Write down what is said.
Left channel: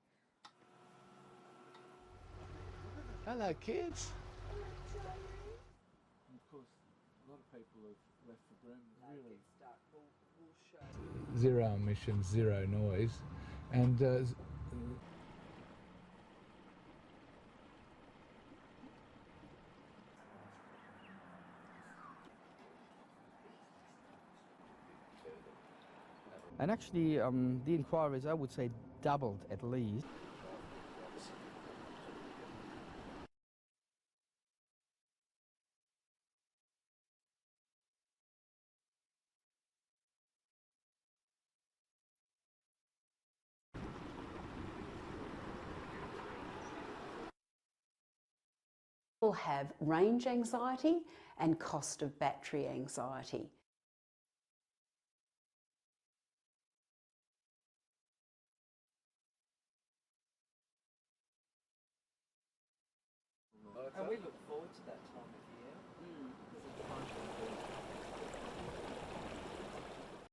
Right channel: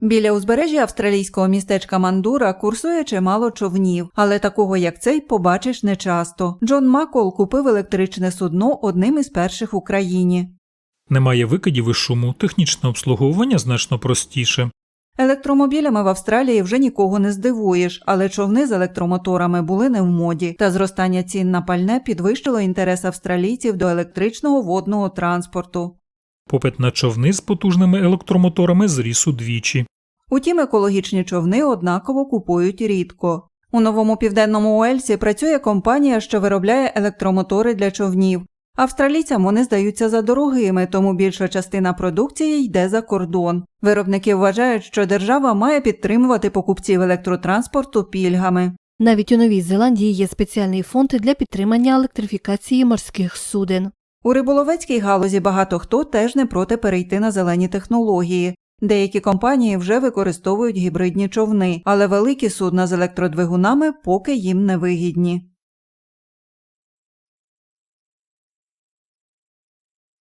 Біля узбережжя австралійського містечка Мандура курсує чимало човнів, але такого як цей побачиш нечасто. Джон Макол купив електричне судно одним із перших в Україні. Немає викидів і шуму, технічне обслуговування значно простіше. Електромобілями в Австралії вже нікого не здивуєш, але човни з електромоторами були не в моді, та зростання цін на пальне підвищило інтерес австралійців до електричного водного транспорту. Попит на човни з потужними електромоторами зріс удвічі. Утім, екологічні човни однаково купують рідко. У новому південному Уельсі працює компанія, що виробляє електромотори для човнів. Австралійцям вони здаються за дорогими, тому більша частина продукції йде за кордон. Виробники вважають, що держава має підтримувати покупців електротранспорту пільгами. Навіть у Новій Зеландії є спеціальний фонд для підтримання електрифікації морських суден. У риболовецькій галузі багато хто теж не проти перейти на зелені технології. Деякі компанії вже використовують гібридні човни, але великі судна з електродвигунами поки їм не вигідні.